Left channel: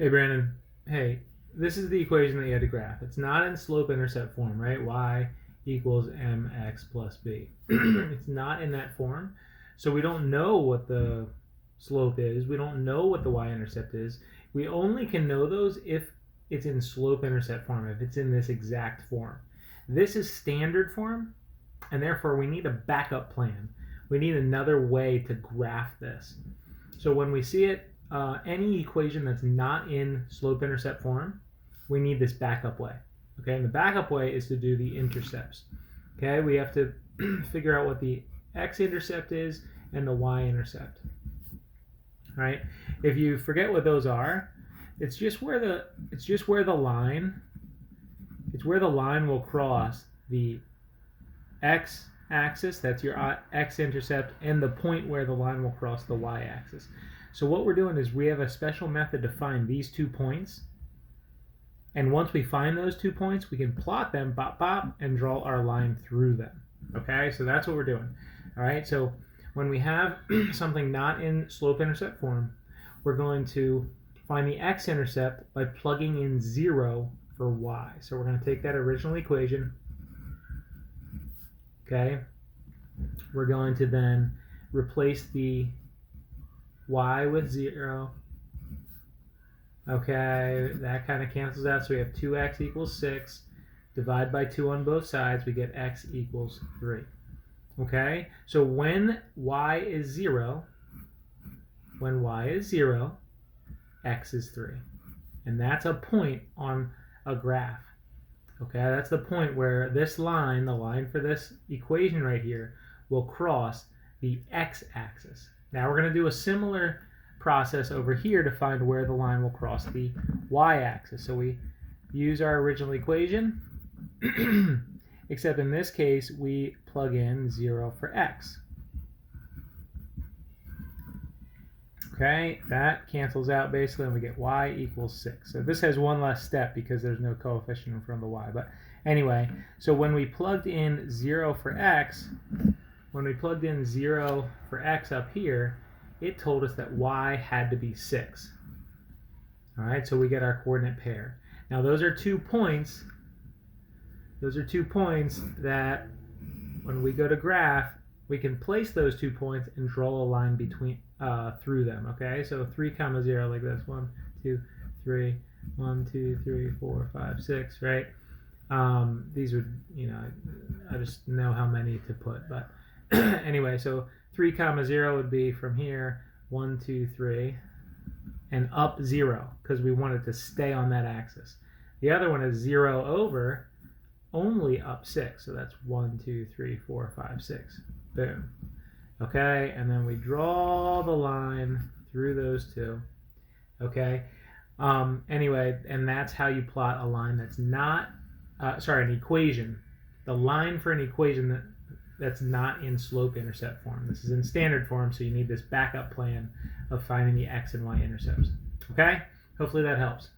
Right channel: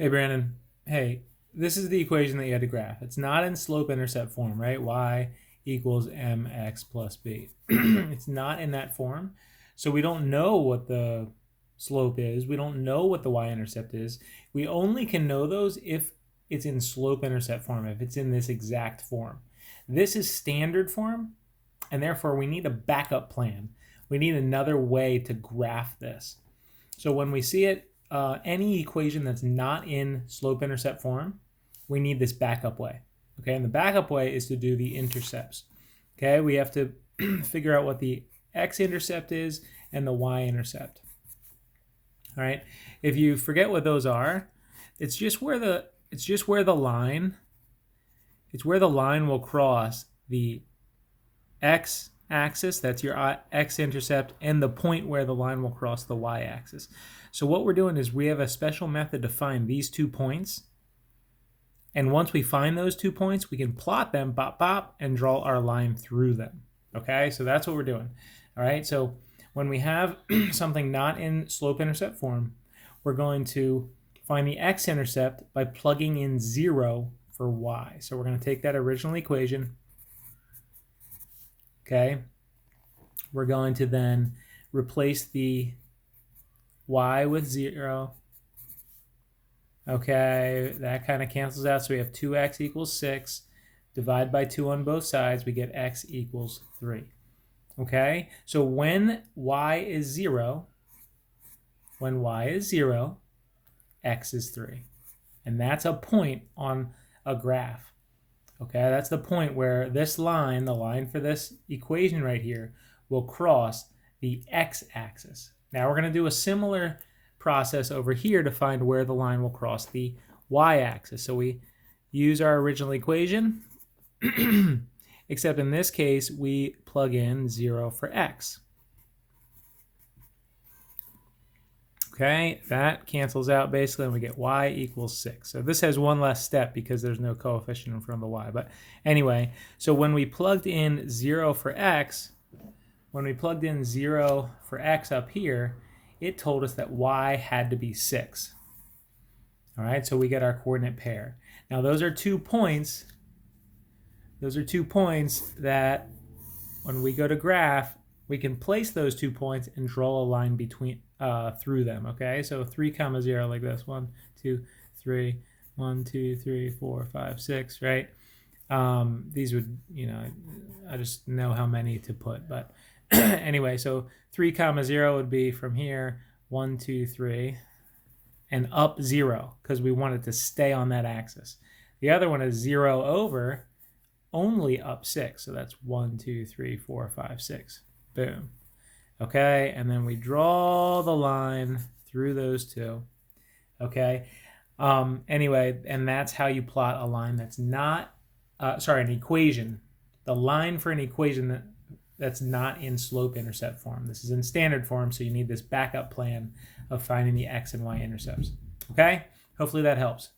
Hey, Brandon. Hey, this is the equation that you had to graph. It's not in slope-intercept form, right? Y equals mx plus b. It's not in that form. So we don't know what the slope is. We don't know what the y-intercept is. We only can know those if it's in slope-intercept form, if it's in this exact form. This is standard form, and therefore we need a backup plan. We need another way to graph this. So when we see it, any equation that's not in slope-intercept form, we need this backup way. Okay, and the backup way is to do the intercepts. Okay, we have to figure out what the x-intercept is and the y-intercept. All right, if you forget what those are, it's just where the line will cross the x-axis, that's your x-intercept, and the point where the line will cross the y-axis. So what we're doing is we have a special method to find these 2 points. And once we find those 2 points, we can plot them, bop, bop, and draw our line through them. Okay, so that's what we're doing. All right, so when we have something not in slope-intercept form, we're going to find the x-intercept by plugging in 0 for y. So we're going to take that original equation. Okay, we're going to then replace the y with 0. Okay, that kind of cancels out. So we have 2x equals 6. Divide by 2 on both sides, we get x equals 3. Okay, so when y is 0, x is 3. And that's a point on a graph. Okay, that's the point where this line, the line for this equation right here, will cross the x-axis. Now we're going to do a similar process over here to find where the line will cross the y-axis. So we use our original equation, except in this case we plug in 0 for x. Okay, that cancels out basically, and we get y equals 6. So this has one less step because there's no coefficient in front of the y. But anyway, so when we plugged in 0 for x, up here, it told us that y had to be 6. All right, so we get our coordinate pair. Now those are 2 points. Those are 2 points that when we go to graph, we can place those 2 points and draw a line between through them. Okay, so 3, 0 like this. 1, 2, 3. 1, 2, 3, 4, 5, 6. Right? These would, I just know how many to put, but anyway, so 3, 0 would be from here, 1, 2, 3, and up 0 because we want it to stay on that axis. The other one is 0 over, only up 6. So that's 1, 2, 3, 4, 5, 6. Boom. Okay, and then we draw the line through those 2. Okay. Anyway, and that's how you plot a line that's not, an equation. The line for an equation that's not in slope-intercept form. This is in standard form, so you need this backup plan of finding the x and y intercepts. Okay? Hopefully that helps.